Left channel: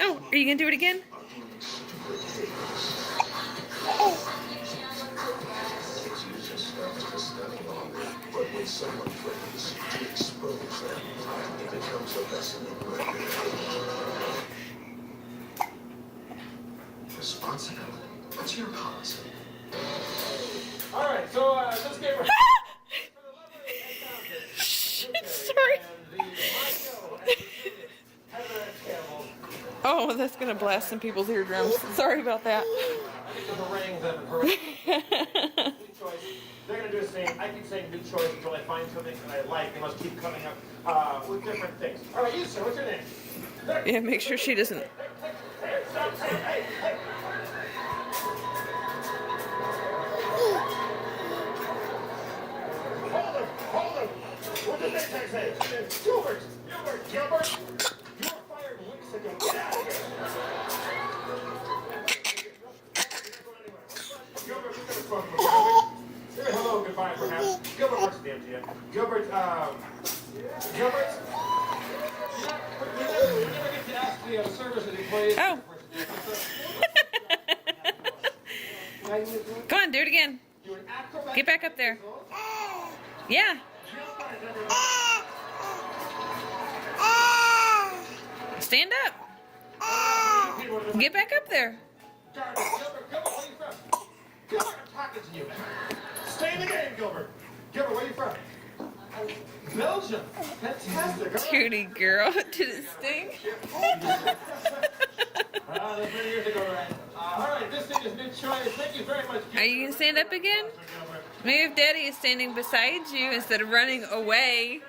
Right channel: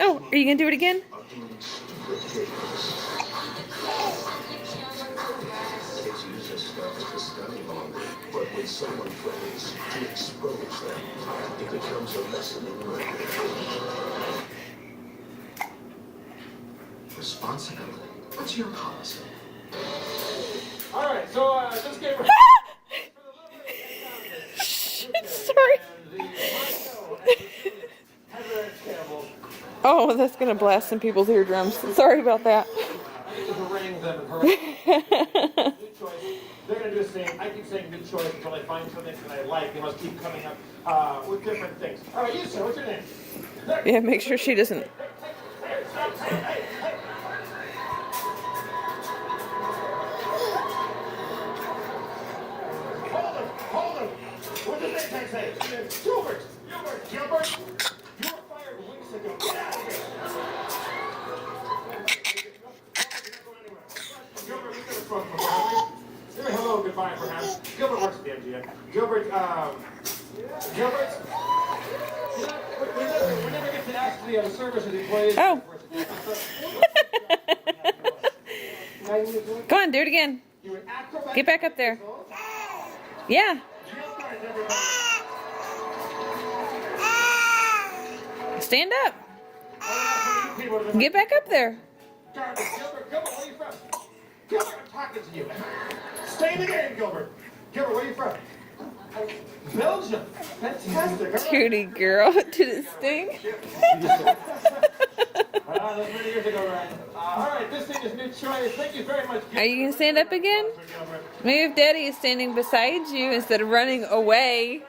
Oh, are you going to do it again? But when someone tries to expose them, it becomes a lesson in murder. Responsibility. What's your policy? Alright, so let's get ready. Sorry. Oh, that's going to blast some people's eardrums. Sorry about that. They're going to do the same. I keep saying new choice until I find something that I like. They must keep coming up with different things. All right, you sir, what's your name? Yeah, make sure she doesn't. Hold him. What's the big tag say? Gilbert. You were fired weeks ago. Get out of here. Gilbert, we've never spoken before, have we? Say hello, goodbye, perhaps. Gilbert works at the MGM. Gilbert, we never get to ask the service of the employees. Oh. Go on, do it again. Get back up there. Yeah. Stand up. Get back up there. Gilbert, where are you from? Gilbert, I'm talking to you. Stay in the game, Gilbert. Gilbert, where are you from? Belgium. Fantastic. Cutie girl. Did it sting? That's many years ago, right? All right, this thing is new choice. Thank you very much. Are you going to stand up again? Maybe if Daddy is standing beside you instead of running away.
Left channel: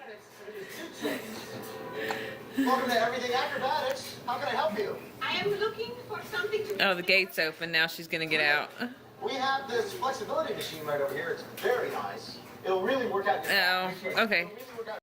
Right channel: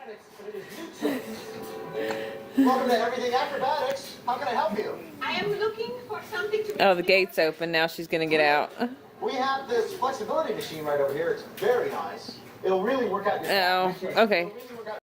Welcome to Everything Acrobatics. How can I help you? I am looking for something to... Oh, the gate's open. Now she's going to get out. We have this flexibility machine right over here. It's very nice. It'll really work out your... Oh, okay.